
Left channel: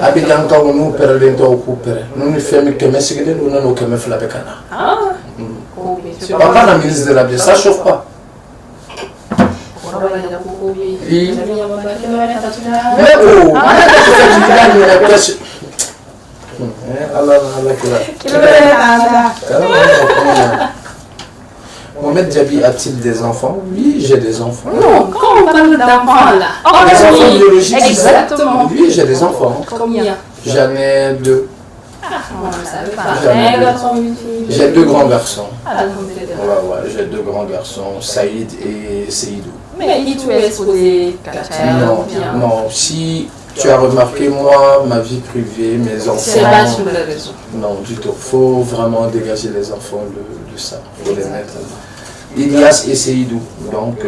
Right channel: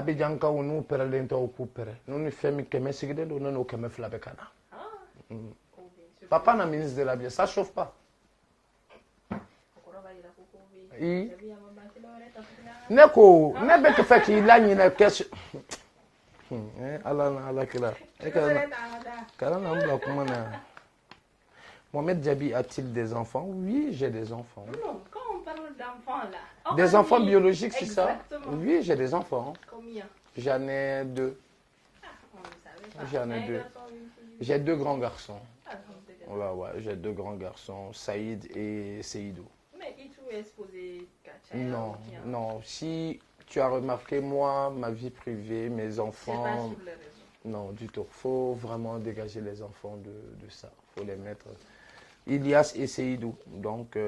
Abidjankaw n'u pɛrɛlen tɔw k'u pɛrɛ n'u ni fɛn min kɛmɛ sigilen don n'o 200 bɛ ka na papa na ministre de la bien ça chauffe pas Mohamed Djabi a-t-il des enfants? Oui, j'ai des enfants. Non, quand on parle d'enfants là. Des enfants biologiques, exactement. Oui, j'ai des enfants. Combien? J'en ai 2. J'ai 2 grands garçons. Ouais, j'ai 2 grands garçons, Saïd et Seydou. Mais tu es exposé Non, si tu as remarqué, moi, ma vie privée, mes enfants... C'est pas sur la raison. Non, du tout. Il faut vraiment dégager les enfants de ça. Il faut les mettre. Ilias et Seydou. Donc,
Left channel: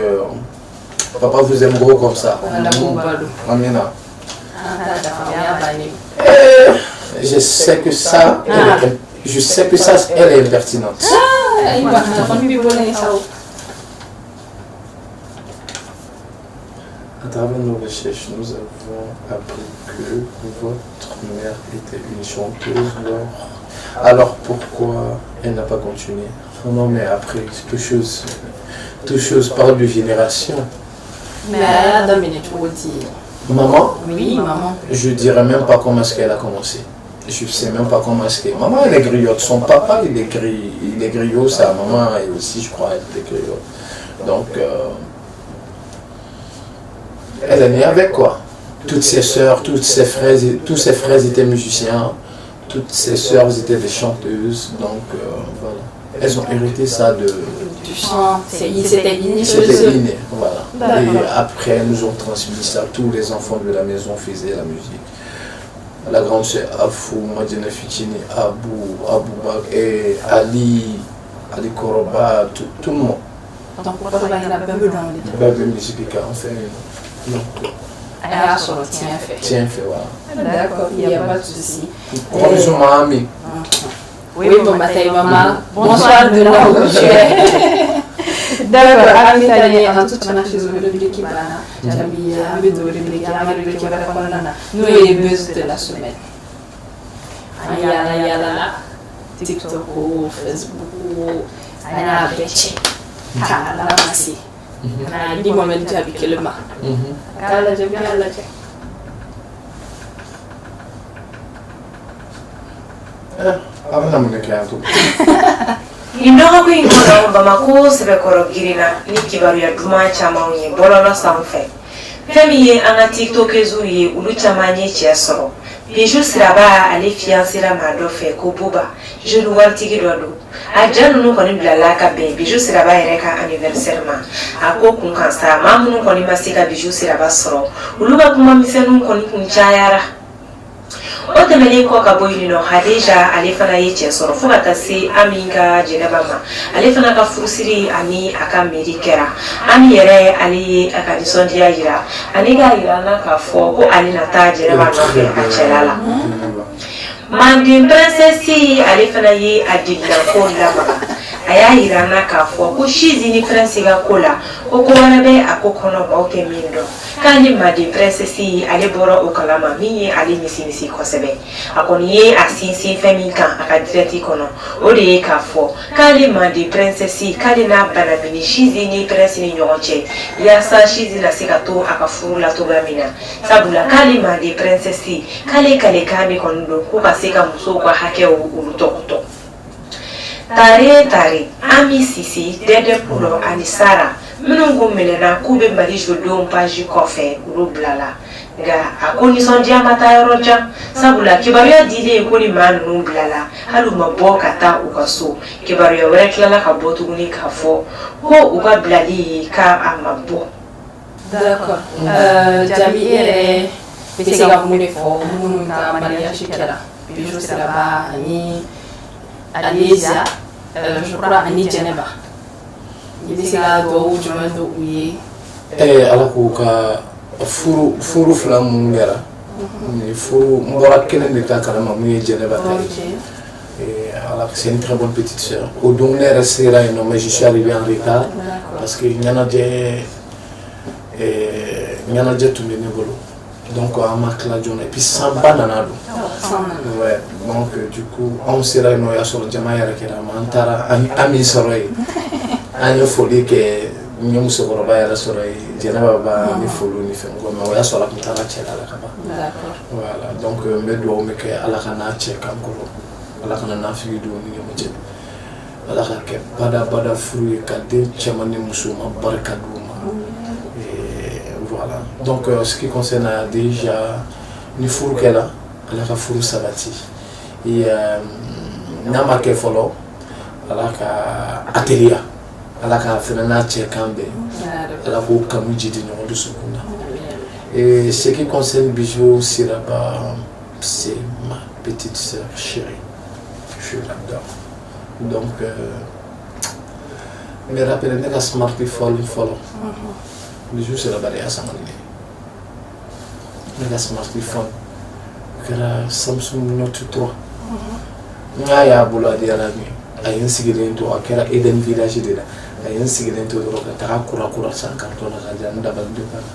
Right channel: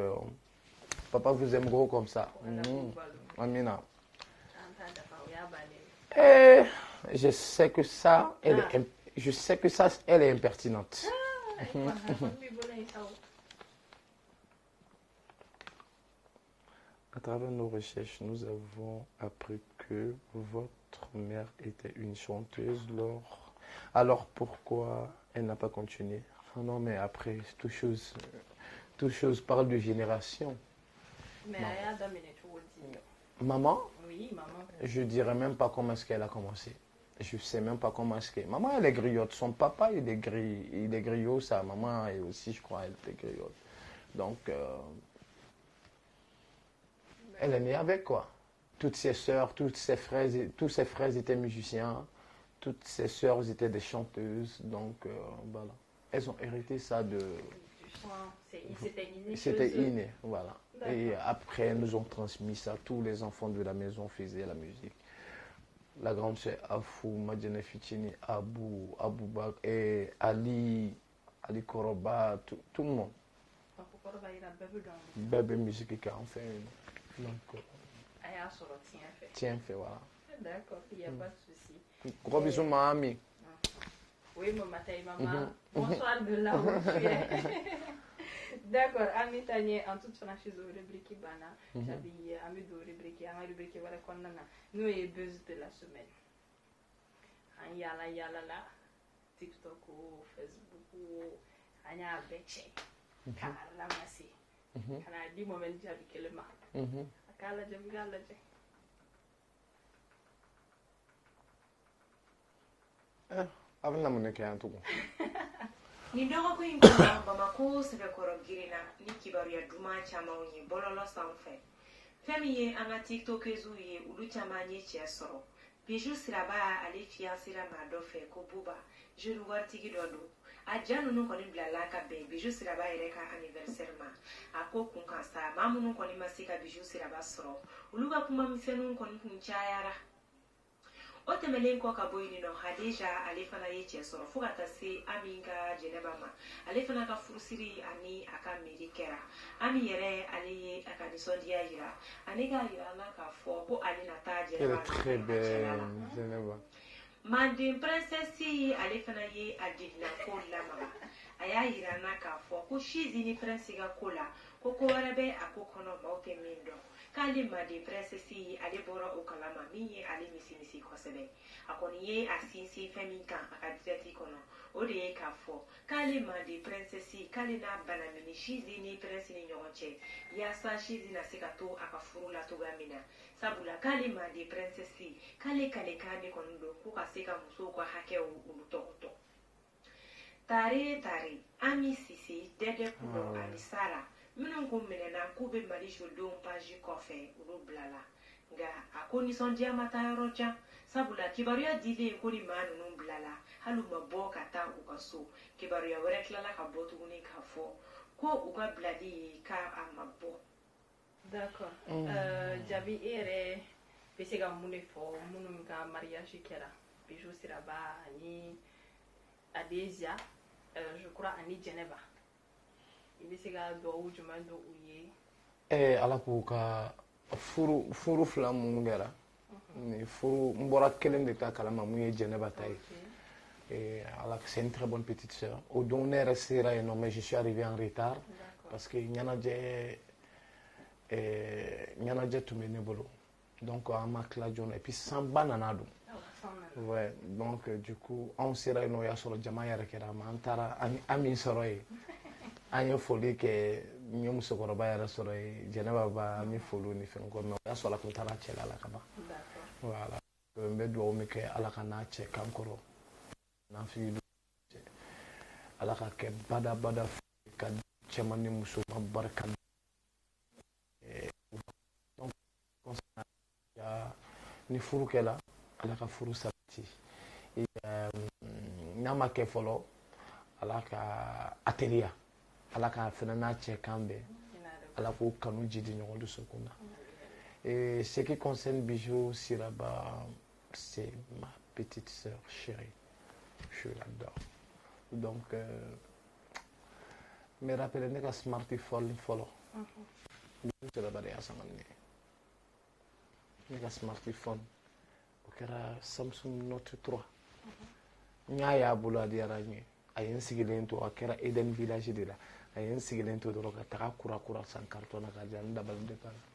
papa vous aime gros comme ça. Amina. Je sais que ça, elle est impertinente. À travers nos recherches, nous avons appris que votre mère était une chanteuse. Alors pourquoi elle n'a pas continué? Non, mais après, toute chose parle de génération. Mais elle a dominé tout dire. Maman? Oui, maman. Je ne dirais même pas comment est-ce qu'elle a commencé. Je ne sais même pas comment est-ce qu'elle... Maman, elle est griotte. Son papa, il est griot. Sa maman, elle aussi, je crois, elle est griotte. Donc, elle est née avec quoi? Toutes ses sœurs, tous ses frères étaient musiciens. Toutes ses sœurs étaient des chanteuses. Donc, voilà. Elles ont hérité ça de... Du chant. C'était inné. C'était inné, voilà. Et après, elles nous ont transmis ça. Tous les enfants de la maison faisaient la musique. La grande sœur Afou, Madina Fitini, Aboubak et Ali Koroba, tout le monde. Donc, pourquoi il y a Babel dans les deux? Musique, en fait. Non. Ah, tiens fait. Tiens fait, voilà. D'accord, il n'y a pas de souci. Bonjour, ma amie. Oui, bon matin, maman. Bonsoir de là où tu es. D'accord, Ami Tani, en toute manière, je suis heureux de l'équipe. J'ai envie de l'équipe. Nous, les buzz de la semaine. Ayala, TikTok, Facebook, Ayala, Betchy. Kala, merci. Dis-moi même tu as piqué le mât. Kala, j'aime bien la tête. Nin dɔgɔkun in kɔnɔ Bamako sɛbɛkɔrɔ girinna ni kibaruya duman camanw ye bɔlɔlɔ sanfɛ. Fɛn min ye an ka tiktokeziw ye olu caman ye cɛ sɔrɔ. Bijou Siraba ale fiancera maa dɔ fɛ ko Buba, jeune waritigi dɔ don. A ja ninnu kɔni bilala ka bɛn Bijou Siraba yɛrɛ ka anniversaire ma. A ko kun kan sa maa minnu kɔni ma se ka Bijou Siraba sɔrɔ olu ka kuma misɛnninw kɔni kun cayara. O tɛmɛnen kɔ ka bɔ yen nɔ Hadija ale fana ye cɛ sɔrɔ fo ka taa se Ami ka jɛnɛba ma. Ale fana ka furusiri ani a ka mairie kɛra. Ami yɛrɛ ale ye a ka nisɔndiya jira ani k'a jira an na k'a fɔ ko ale na taa jɛnɛba nɔfɛ a cɛla la. Manden princesse ale fana ye a digilanko lamaga. A y'a jira an na k'a fɔ ko Chizi ni prince ka ko la ko ko wɛrɛ bɛ a ko kɔnɔ maaw tɛ min dɔn. K'ale Manden princesse ale bɔra o kalama min ye ale misimisi kosɛbɛ. A kɔni ye a sinsin fɛn min kan a ka direct kɔnɔ o de ye k'a fɔ k'ale Manden princesse k'ale n'a bana min Chizi ni prince ni ɲɔgɔn cɛ yaasa Chizi na se ka to a ka furu la cogoya min na. Sabula k'ale Manden princesse k'ale kalekan de kɔni don ko ka se ka musow ka hakɛw olu tɔgɔtɔ. Tare Ami Sisi, Dede Pulo ani Sara minnu ko minɛna k'u bɛ Mali jolidenw page kɔfɛ olu bilala. Nka a ko nisɔndiya ma taa yɔrɔ jan sabula kibaruya dilen ko ni maa ninnu bilala hali u ma bɔ ka taa u ka so. Kibaruya wɛrɛ tilala ka bɔ tuguni k'a fɔ ko u ka bilali k'a ma bɔ. D'accord. Jabi yɛrɛ bɛ se ka mun de fɔ minnu ka mariage kɛra bijou siraba ani Alésia je crois ani Jɛnɛba i bɛ se ka dugawu jumɛn don u ye ala k'u ka furu fila minnu kɛra ni furu n bɔra kelen de ta kalama mun ye Jɛnɛba ta ye c'est une très bonne petite sœur au don ne yɛrɛ sera yen nɔ mais je suis arrivé en retard parce que ɲɛnajɛ tun bɛ ne bolo donc an ma tila joona et puis sanba nana don ouais donc du coup anw sera yen nɔ o y'a sɔrɔ jama yɛrɛ kɛra an taara an min sɔrɔ yen an ye foli kɛ n ye musokɔrɔba yɛrɛ sɔrɔ yen Jɛnɛba b'a ni foliw ni fɛn kɔ mais o y'a sɔrɔ a tun taara cɛla la ka ban voilà donc n bɛ dugawu min kɛ ala ka n'a cɛ kan kɔrɔ ala kana nafigi don ni ɲɔgɔn cɛ ala ka kɛ bada furu ye ka den cɛman ni muso ma barika d'u ma voilà donc ce qui concerne déjà ni furu kɛla ala ka furu sabati n'a ma kɛ fɔlɔ ala ka atelier ala ka fɛnɛ n'a cɛ kan bɛn ala k'o kanu jidi ɲɔgɔn dusukun na et ce qui concerne Bijou Siraba c'est ma petite sœur chérie je l'adore donc me rappelle ne ka smartphone follow Bijou Siraba de y'a sama ne ka smartphone kɛra Samsung Note 3 n'a y'a bolo a diyara n ye a ye n sigilen to a kɛra Eden village de la a ye n sigilen to dɔrɔn ka taga kura san carton na ka di yan n dabali de banna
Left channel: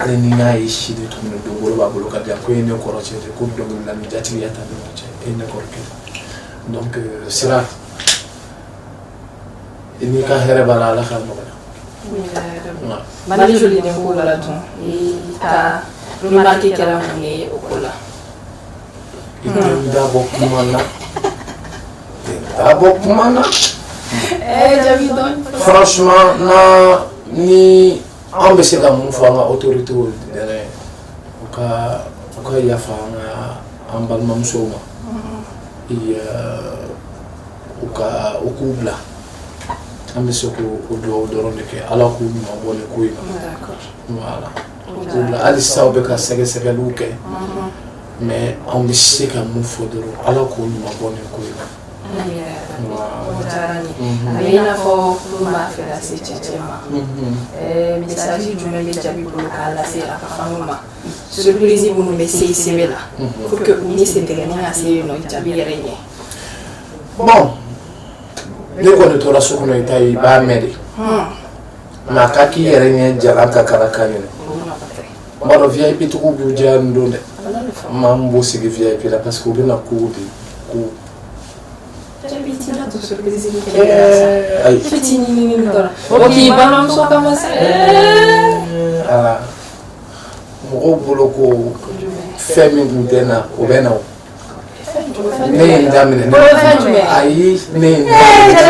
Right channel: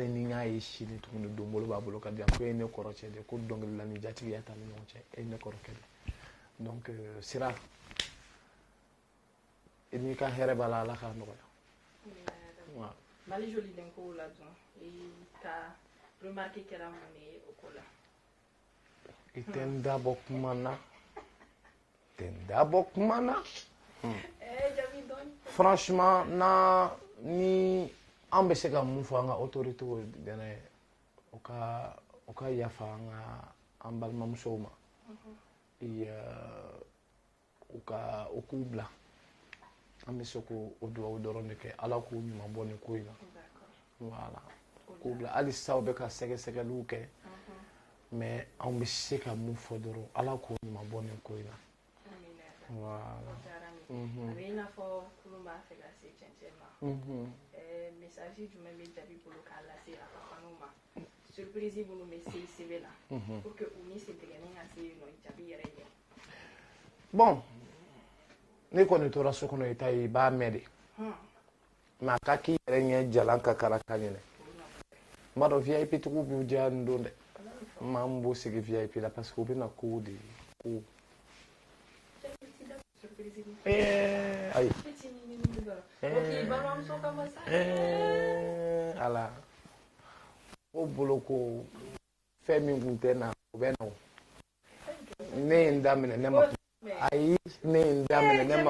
ale ni n'a ye si de tun don bolo b'a bolo ka di yan ko e ne kɔrɔcɛ de ko dɔnkilida ni jatigiya ta ni ɲɔgɔn cɛ e ne kɔrɔkɛ donc sira i n'i ka hɛrɛ b'a la ala ka nɔgɔya Mali joli den ko la dun ka remarque kɛra mun ye o ko la i tɛ dabɔ kuma na dabɔ kuma na franchement na ni an bɛ se ka mun fɔ an ka autorité yɛrɛ u ka yafa an balimamusow ma u k'u bila an bɛ se k'o dugawu dɔrɔn de kɛ ala k'u ɲuman bɔ nin ko in na voilà u k'u bila hali sisan u bɛ ka sɛgɛsɛgɛliw kɛ mais an bɛ se ka mun fɔ dɔrɔn ala k'u ɲuman bɔ nin ko in na. a bɛ i n'a fɔ furu b'a fɛ ka se cɛcɛ ma message jumɛn bɛ jaabi bolo k'a lase a ka fanu ma surprise minnu bɛ se i sɛbɛ la pour que u ni sentigɛni ka se yen nɔ jaabi yɛrɛ ɲɛ bon ne kɔni tora so kɔnɔ i ta ye i b'a mɛn de mais a ka k'i yɛrɛ ɲɛ jalan ka kala kan ɲinɛ n b'a dɔn VIP tigiw b'u diya nin don dɛ maa min b'u sigi VIP la parce que u bɛna kow de ko ok balimamuso kama se ala mɔgɔw bolo ko fɛn min tun tɛ na o bɛ na o ne ye n daminɛ ayi ne ye n daminɛ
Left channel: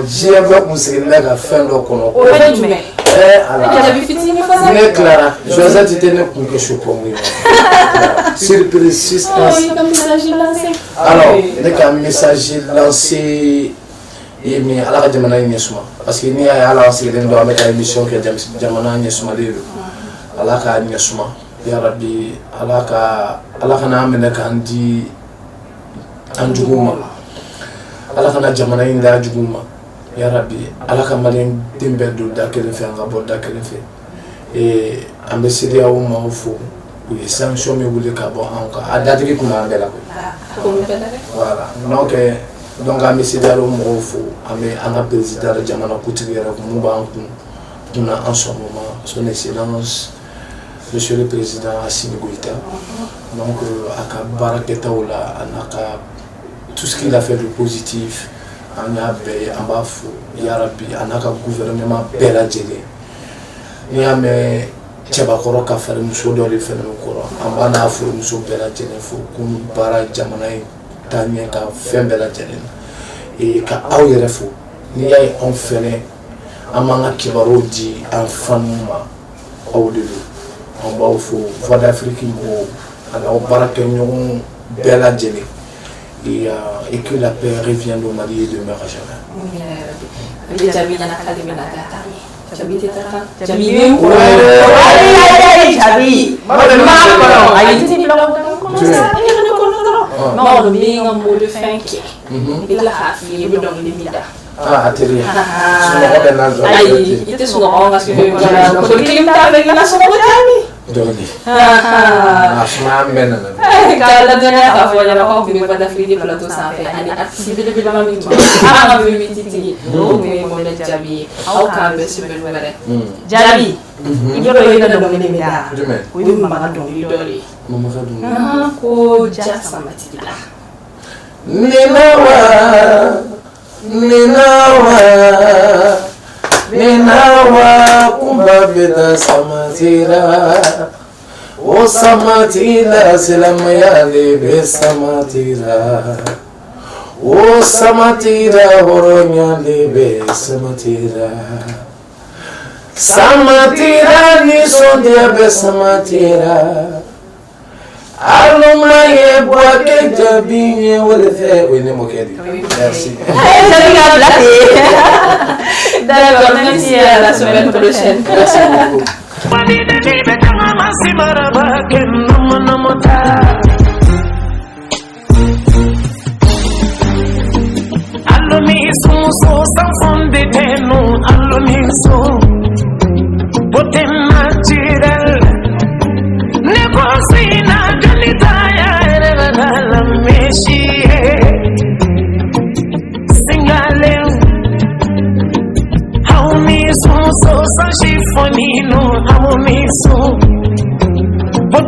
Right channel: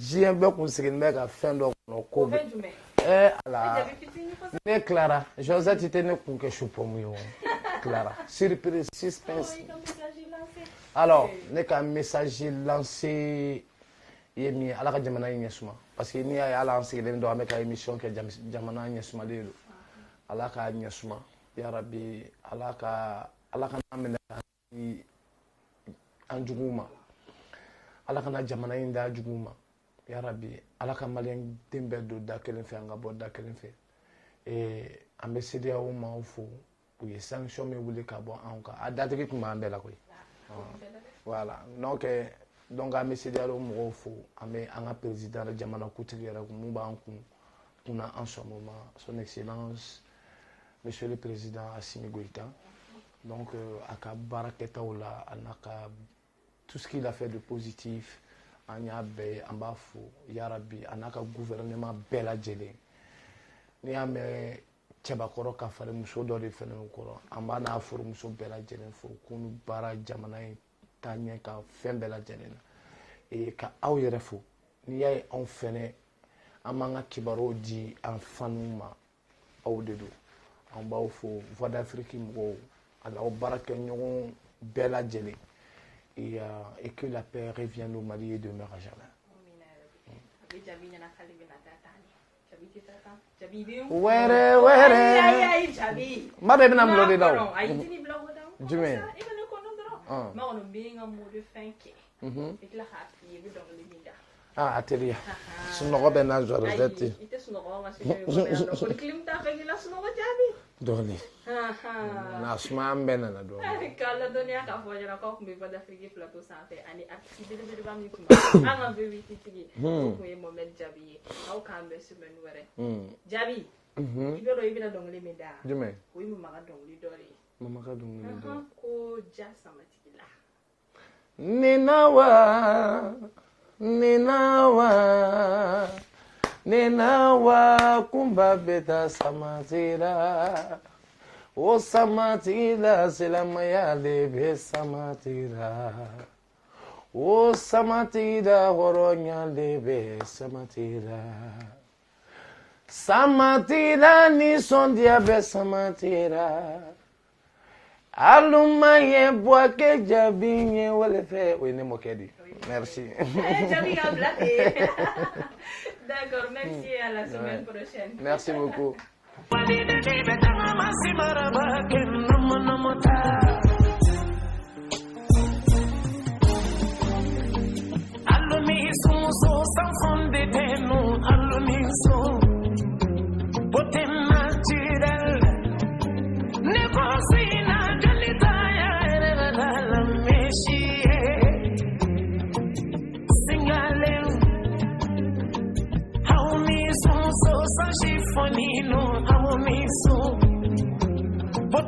diɲɛ bɛɛ kun sigilen bɛ ka fɛn dɔ kɔnɔ ala ne tilara Josette tɛ ne kun kɛ chocomu ye surprise suspense alors ne ka message lancé ye min ala ka jamana ɲɛ suma parce que n'i y'a ye ala an sigilen don an bɛ ka émission kɛ jamana ɲɛ sumalen don ala k'a ɲɛ suma yarabi ala kana minɛ k'an di an juguw ma ala kana jamana in da juguw ma yarabi ala ka maliyɛn den bɛɛ don da kelen fɛ an ka bɔ da kelen fɛ an bɛ CEDEAO maaw fo u ye sanction min wuli ka bɔ anw kan a datigi tun b'an bɛɛ la koyi voilà donc an bɛ CEDEAO mɔgɔw fo an bɛ an ka président jamana kuntigi yɛrɛ mun b'an kun na en ce moment son excellence monsieur le président Assimi Goïta donc a ka baarakɛtaw la a n'a ka tout ce qu'il a fait de positif an y'a bɛɛ ye an b'a fo yarabi a n'a ka gouvernement bɛɛ lajɛlen n'i y'a mɛn cɛbakɔrɔ ka fari muso dɔ de fɛnɛ kɔrɔ an b'a n'a furumuso bɛɛ lajɛlen fo ko baara jamana in taa ɲɛ ka fɛn bɛɛ lajɛlen na ka aw yɛrɛ fo n'i y'a ye anw fɛnɛ an b'an ka kibaruw di an fanu ma aw de don an b'aw fo Voix d'Afrique mɔgɔw ani aw baarakɛɲɔgɔn bɛɛ lajɛlen et que la paix revienne au Mali et demeure à jamais. Ah, atterrir. Itu semua orang kasih kalau kita avec langsung kami. Doni. Asma mena. Kalau dia tak boleh nak kau pada free di plateau sampai ani aksi bila mami tu. Apa mami titi. Oh, mami jabi. Au kan besi berbeda. Jabi. Ini kalau kita dong ini beda. Ini mama dong ini dori. Mama dong. Aku jasa mati lah. Ninawa kumba beda samatira o samatira silamayale be samatira o samatira horonyale be samatira samatira ni sonde be samatira Alumaye boake jabinye wolfe wene mokedi. Merci. D'accord, merci à la semaine prochaine. Merci beaucoup. So, so, so, she funny, no, I'm a me so. But